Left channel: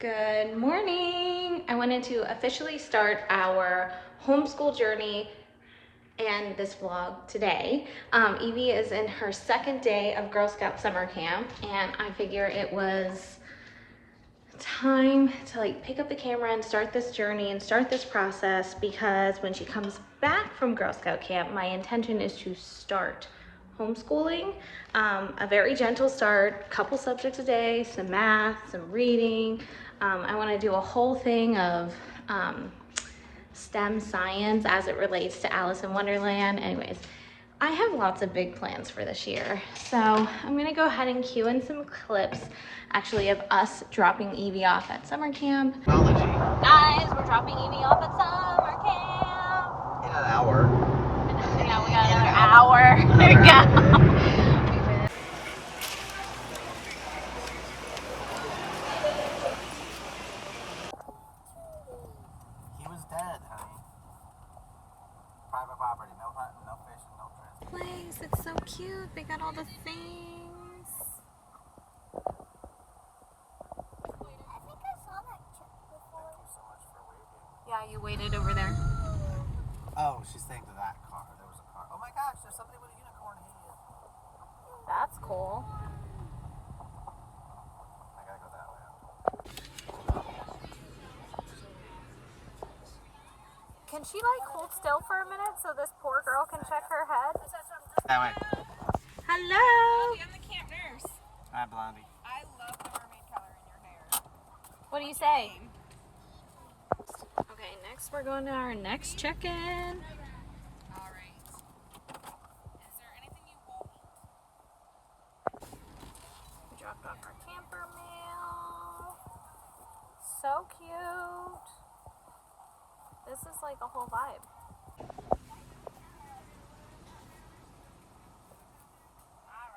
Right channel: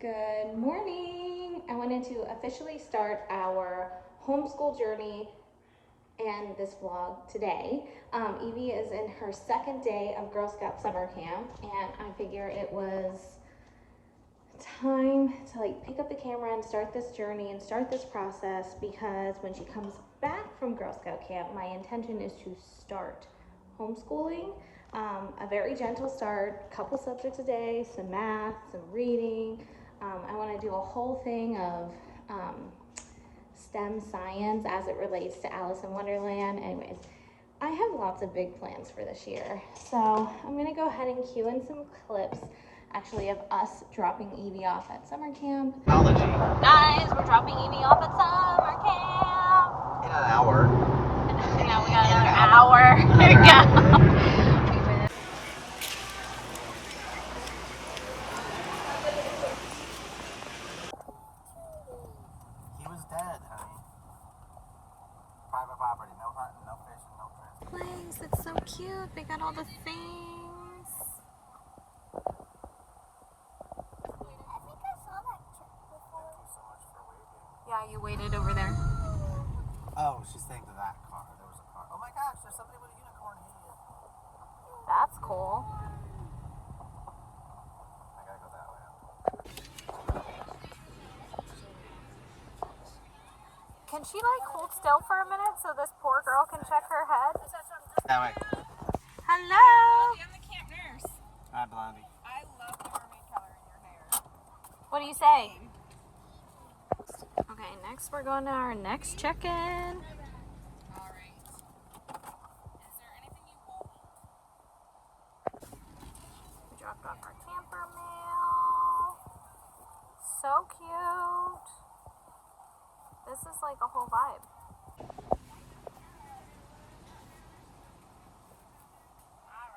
Good morning. I wanted to officially start our homeschool journey and this vlog today. Evie is in her second day of Girl Scout summer camp, and I figure it was time to pick up the camera and start this journey and start this process, because when she comes back from Girl Scout camp, my intention is to start homeschooling. A very gentle start, couple subjects a day, some math, some reading. I want to do a whole thing of STEM science as it relates to Alice in Wonderland. Anyways, I have lots of big plans for this year. So I'm gonna go ahead and cue in some clips actually of us dropping Evie off at summer camp. Guys, we're dropping Evie off at summer camp. In an hour. Yeah, we got another hour. There we go. He was dead, honey. Private property, no hunting, no fishing, no transport. Place, it's so cute. They got all the things. I think I saw that chick before. Thank you so much for waiting. Yeah, you waited over there. Oh, she's saying to that car. There was a car. Oh my gosh, there's somebody with a unicorn head. That's cool. I gotta go that way. Can she hold still for a minute so this poor girl can check her head? That way. Hello. I'm the camp nurse. Hi, Blondie. I love the mermaid color in your hair. What do you say? Okay, next we're going to our next check-in. All right. Is there anything you won't eat? We dropped off our camper mail. So cute. This is like a whole vibe. All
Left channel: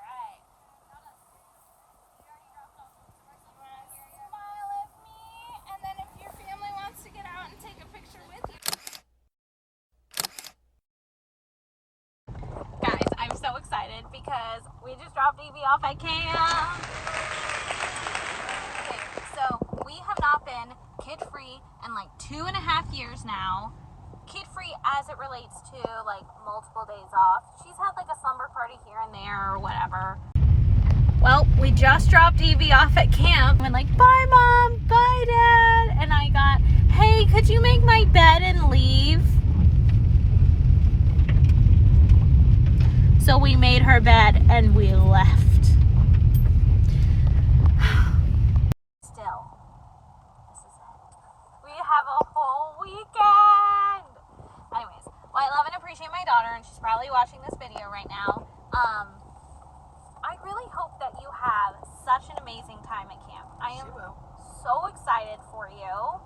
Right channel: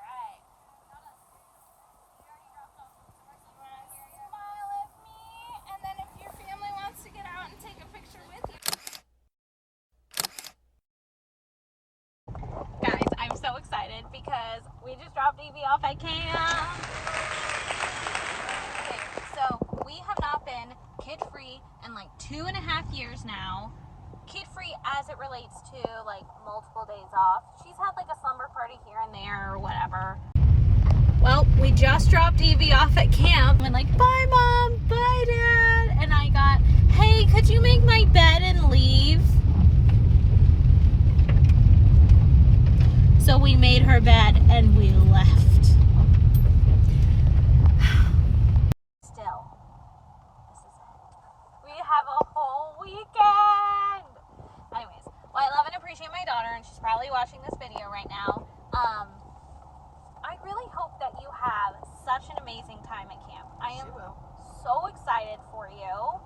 right. Smile at me, and then if your family wants to get out and take a picture with you. Guys, I'm so excited because we just dropped Evie off at camp. Okay, so we have not been kid-free in 2.5 years now. Kid-free as it relates to multiple days off. She's had a slumber party here and there or whatever. Well, we just dropped Evie off at camp and bye mom, bye dad, and I got, hey, could you make my bed and leave? So we made her bed and we left. Still, we have a whole weekend. Anyways, well, I love and appreciate my daughter, and she's probably watching this video right now. I really hope that you have such an amazing time at camp. I am so excited for you.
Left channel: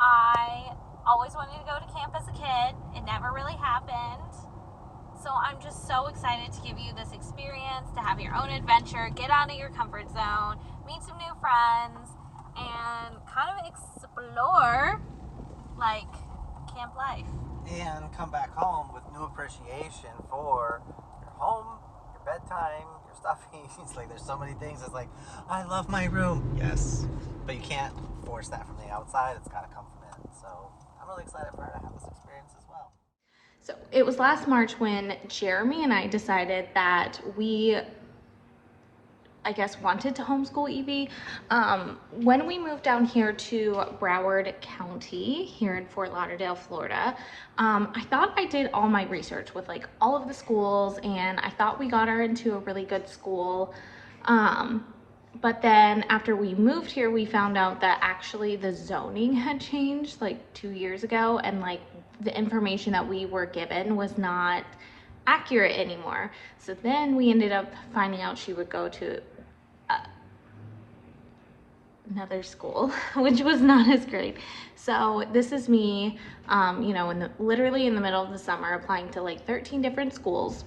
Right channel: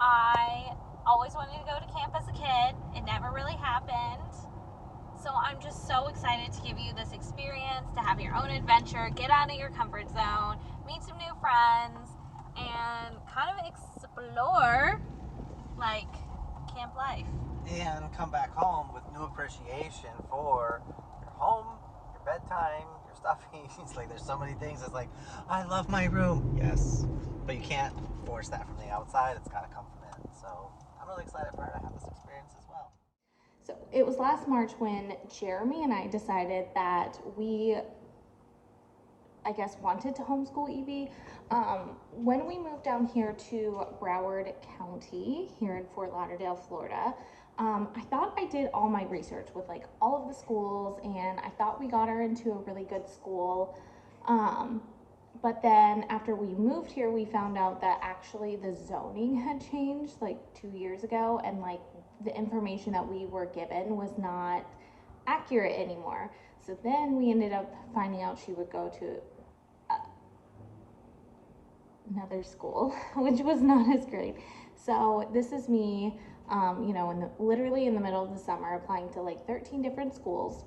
I always wanted to go to camp as a kid. It never really happened. So I'm just so excited to give you this experience, to have your own adventure, get out of your comfort zone, meet some new friends, and kind of explore camp life. And come back home with new appreciation for your home, your bedtime, your stuffies. There's so many things. It's I love my room. Yes. But you can't force that from the outside. It's got to come from in. So I'm really excited for her to have this experience as well. So it was last March when Jeremy and I decided that we, wanted to homeschool Evie. When we moved down here to Broward County here in Fort Lauderdale, Florida, I thought I did all my research with all of the schools, and I thought we got her into a really good school. But then after we moved here, we found out that actually the zoning had changed 2 years ago, and the information that we were given was not accurate anymore. So then we ended up finding out she would go to another school, which was not as great. So this is me, literally in the middle of the summer, applying to 13 different schools.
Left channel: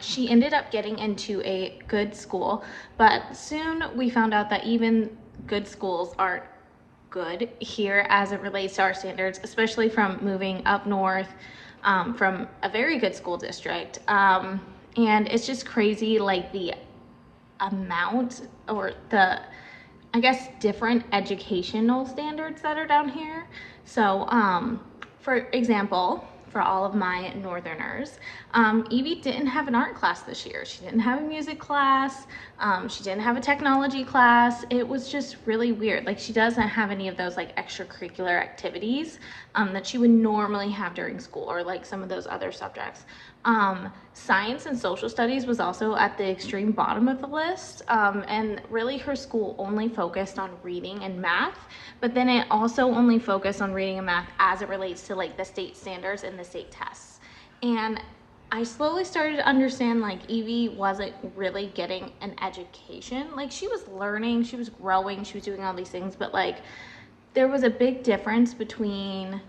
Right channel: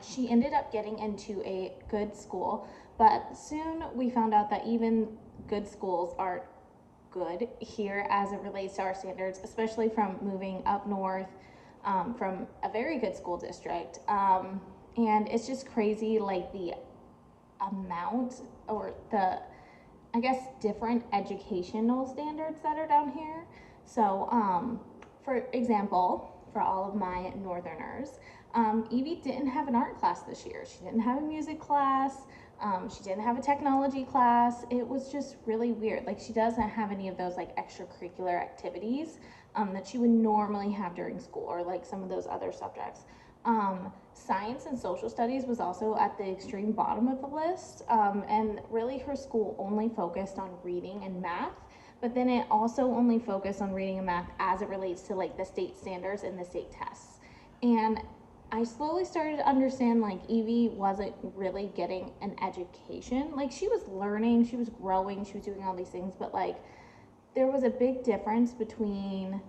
She ended up getting into a good school, but soon we found out that even good schools aren't good here as it relates to our standards, especially from moving up north from a very good school district. And it's just crazy, the amount or the I guess, different educational standards that are down here. So, for example, for all of my northerners, Evie didn't have an art class this year. She didn't have a music class. She didn't have a technology class. It was just really weird. Like, she doesn't have any of those like extracurricular activities that she would normally have during school, or like some of those other subjects. Science and social studies was also at the extreme bottom of the list, and really her school only focused on reading and math, but then it also only focused on reading and math as it relates to like the state standards and the state tests. And I slowly started to understand like Evie wasn't really getting an education. Like, she was learning, she was growing, she was doing all these things, but like there was a big difference between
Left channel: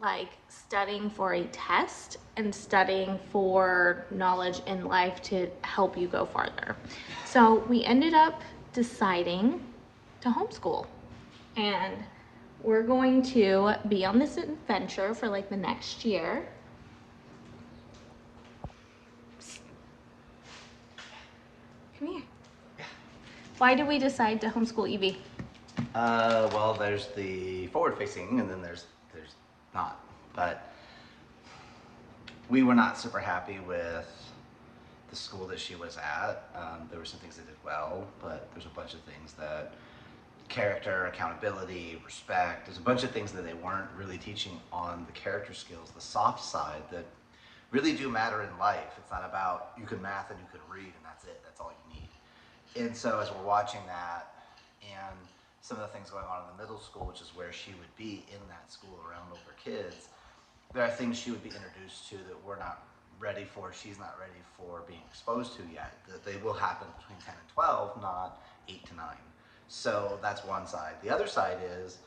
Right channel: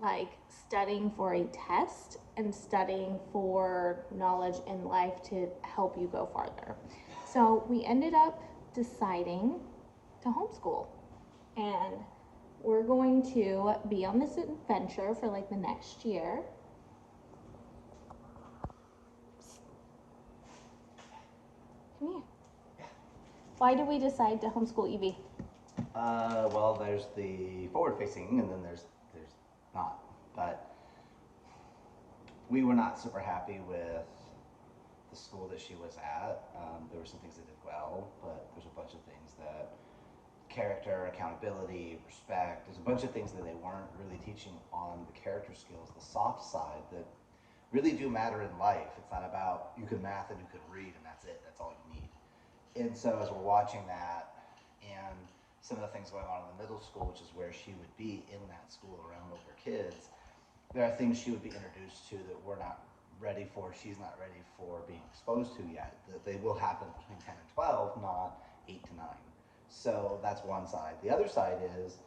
like studying for a test and studying for knowledge in life to help you go farther. So we ended up deciding to homeschool, and we're going to be on this adventure for like the next year. Come here. Why did we decide to homeschool Evie? Well, there's the forward-facing, and then there's not. But we were not super happy with the school that she was at. There were some things that did well, but there's a bunch of things that character, accountability, respect. There's a bunch of things that they weren't really teaching on the character skills, the soft side that really do matter in life. It's not about you can math and you can read and that's it. That's all you need. And so as we're watching that and some of the things going on in the middle school, which is where she would be in that school around older kids, there are things she would be introduced to that we're not ready for, she's not ready for being exposed to yet. That they will happen between 10 and 12, not 8 to 9. So that's one side. The other side is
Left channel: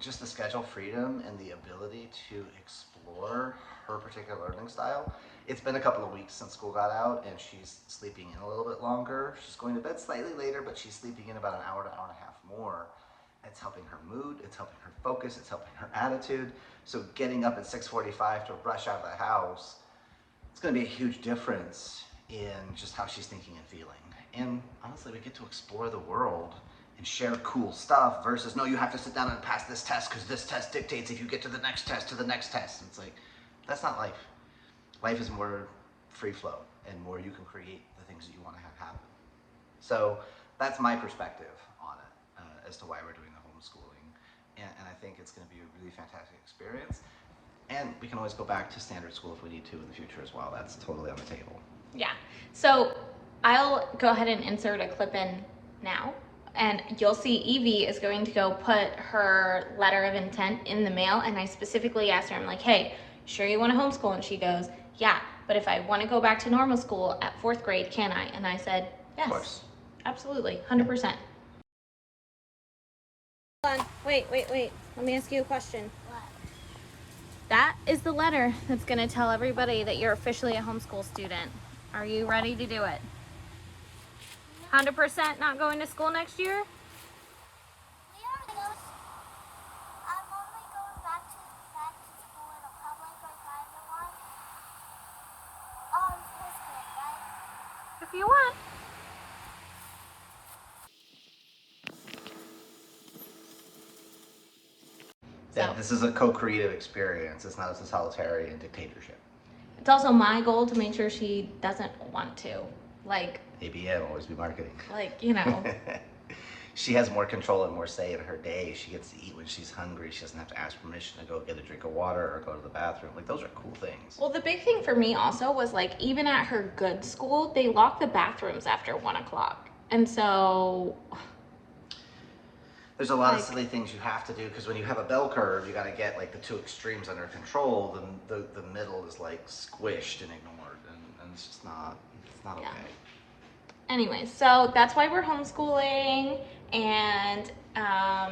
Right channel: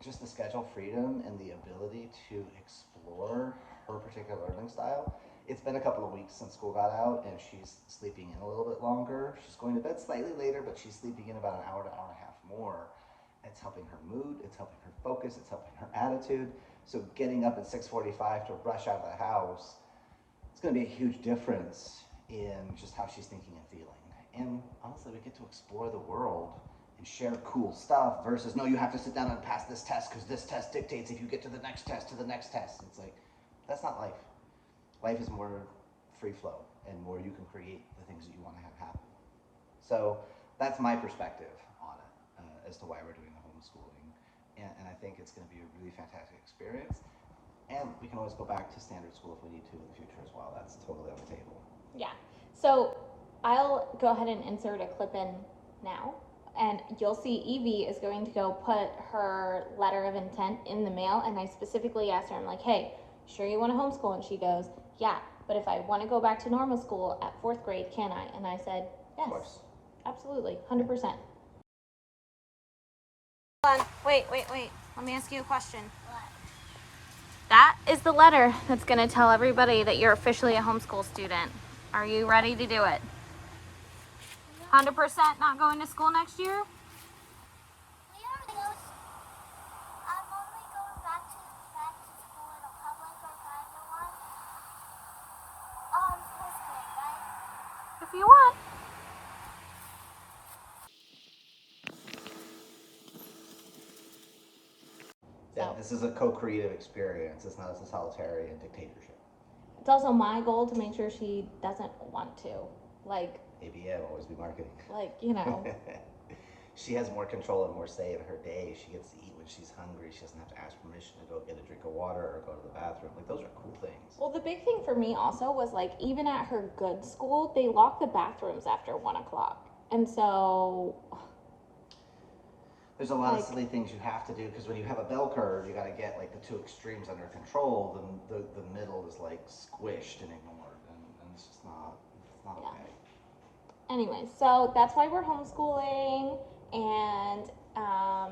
just the schedule freedom and the ability to explore her particular learning style. It's been a couple of weeks since school got out, and she's sleeping in a little bit longer. She's going to bed slightly later, but she's sleeping in about an hour to hour and a half more. It's helping her mood, it's helping her focus, it's helping her attitude. So getting up at 6:45 to rush out of the house, it's going to be a huge difference in just how she's thinking and feeling. And honestly, we get to explore the world and share cool stuff versus, no, you have to sit down and pass this test because this test dictates if you get to the next test, to the next test. And it's like, that's not life. Life is more free flow and more you can create the things that you want to have happen. So that's my perspective on it as to why we're doing the homeschooling. And I think it's going to be a really fantastic experience. And we can always go back to standard school if we need to in the future as well. That's totally on the table. Yeah. So I'll go ahead and insert a clip in now, and you'll see Evie is going to go put her letter of intent in the mail. And I specifically asked her, I'm like, hey, sure you want to homeschool? And she goes, yeah, but if I want to go back to normal school at 4th grade, can I? And I said, yes, Of course. absolutely, 100%. Hold on, wait. Let me ask you a question. What? That is the letter that's going to tell everybody that you're officially a homeschool student. Are you ready to do it? 100% not going to school next year? We are those. I'm only going back to school in a public or private one. 4th grade, right? If you want. Yeah, So, this is a co-creative experience. It's not a totalitarian dictatorship. it's also my goal to make sure she doesn't want to. Like, ABM, always be marketing. you know. She has more control and more say in her day. She gets to eat when she's hungry. She doesn't have to ask permission to go get a drink of water or go to the bathroom. Like, those are cool things. Well, the big thing for me also was like, even at her good school, they lock the bathrooms after 1 o'clock. And so, There's a lot of silly things you have to do because when you have a bell curve, you got to get like the two extremes under control. The middle is like squished and ignored, and it's just not. It's not Yeah. okay. anyway, so that's why we're homeschooling. And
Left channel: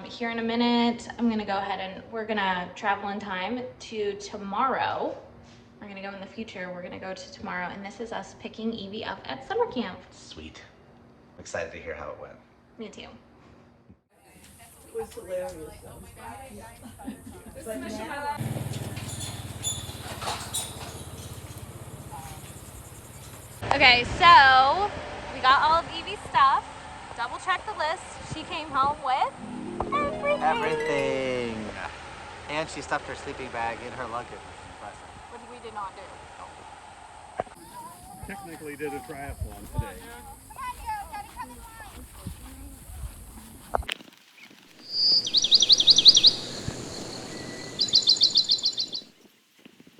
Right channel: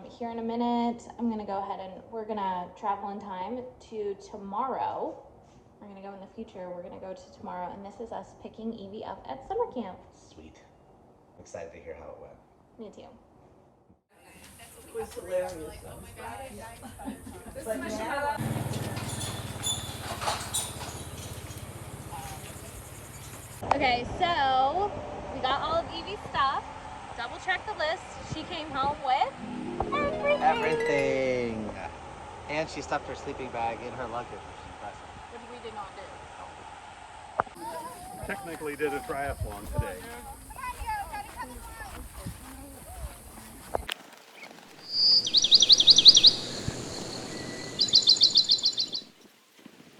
here in a minute, I'm going to go ahead and we're going to travel in time to tomorrow. We're going to go in the future. We're going to go to tomorrow. And this is us picking Evie up at summer camp. Sweet. I'm excited to hear how it went. Me too. It was hilarious. Okay, so we got all of Evie's stuff. double check the list. She came home with Everything. And she stuffed her sleeping bag in her luggage, which is impressive. which we did not do. Technically did a triathlon today.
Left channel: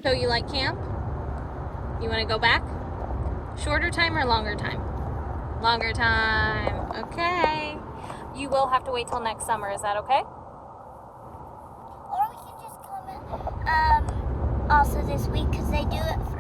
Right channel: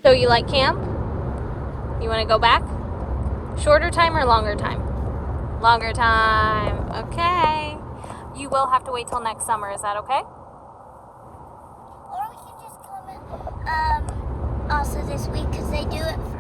So you like camp? You want to go back? Shorter time or longer time? Longer time. Okay. You will have to wait till next summer. Is that okay? Or we can just come in also this week because they do it for